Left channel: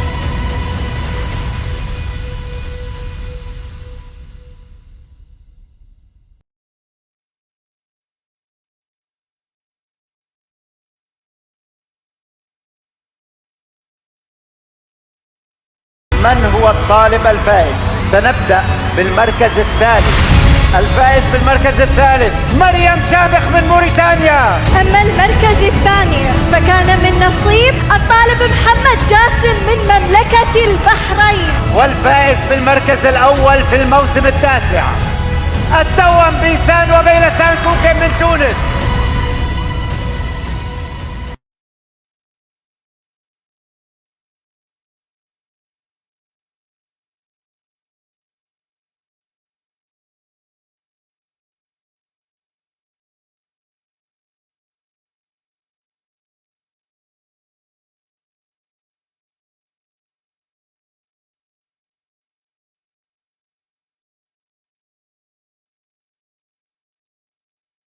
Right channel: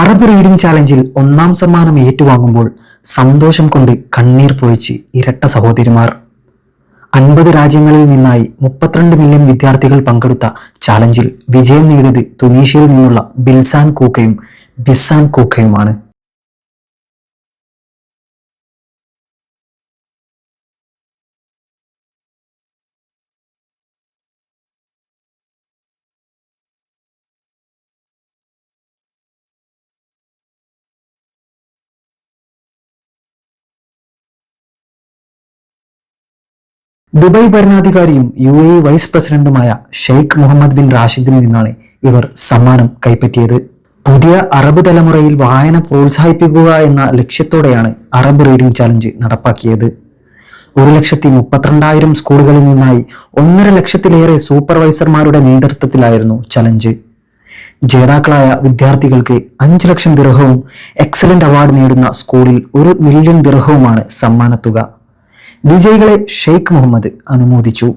Arab reading ചാലഞ്ചിൽ ഒന്നാം സമ്മാനം ഏറ്റുവാങ്ങുമ്പോൾ സന്തോഷം കൊണ്ട് കണ്ണീർ പൊഴിച്ച് ഇരട്ട സഹോദരിമാർ അൻപത് രാജ്യങ്ങളിൽ നിന്നായി മുപ്പത്തിരണ്ട് മില്യൺ വിദ്യാർത്ഥികൾ പങ്കെടുത്ത ചാലഞ്ചിൽ വിജയം നേടിയത് തുനീഷ്യയിൽ നിന്നുള്ള ബിൽസാൻ കൂക്കയും ബിസാൻ കൂക്കയുമാണ് من هو الطالب الفائز؟ سنبدأ بالمركز الثالث الفائز بالمركز الثالث مريم شامخ من موريتانيا أما المركز الثاني فكان من نصيب الطالب محمد جاسم من مملكة البحرين والفائز بالمركز الأول في الموسم التاسع التوأم بيسان وبين ദുബായ് ഭരണാധികാരിയും യു എ വൈസ് പ്രസിഡന്റുമായ ഷെയ്ഖ് മുഹമ്മദ് ബിൻ റാഷിദിൽ നിന്നാണ് ഇവർ സമ്മാനം കൈപ്പറ്റിയത് പുതിയ അറബ് തലമുറയിൽ വായന പ്രോത്സാഹിപ്പിക്കുക എന്ന ലക്ഷ്യത്തോടെയാണ് അറബ് റീഡിംഗ് ചാലഞ്ച് നടപ്പാക്കിയത് ഒരു ലക്ഷത്തി മുപ്പത്തിരണ്ടായിരം സ്കൂളുകളിൽ നിന്നായി ഒന്നര ലക്ഷത്തിലേറെ സൂപ്പർവൈസർമാരുടെ നേതൃത്വത്തിലായിരുന്നു ചലഞ്ച് ജേതാക്കളായ വിദ്യാർത്ഥികൾക്ക് അഞ്ച് ലക്ഷം ദിർഹവും എക്സലന്റ് അവാർഡ് നേടുന്ന സ്കൂളിൽ ഒരു മില്യൺ ദിർഹവുമാണ് സമ്മാനത്തുക. വിജയികളെ ഷെയ്ഖ് മുഹമ്മദ് അനുമോദിച്ചു.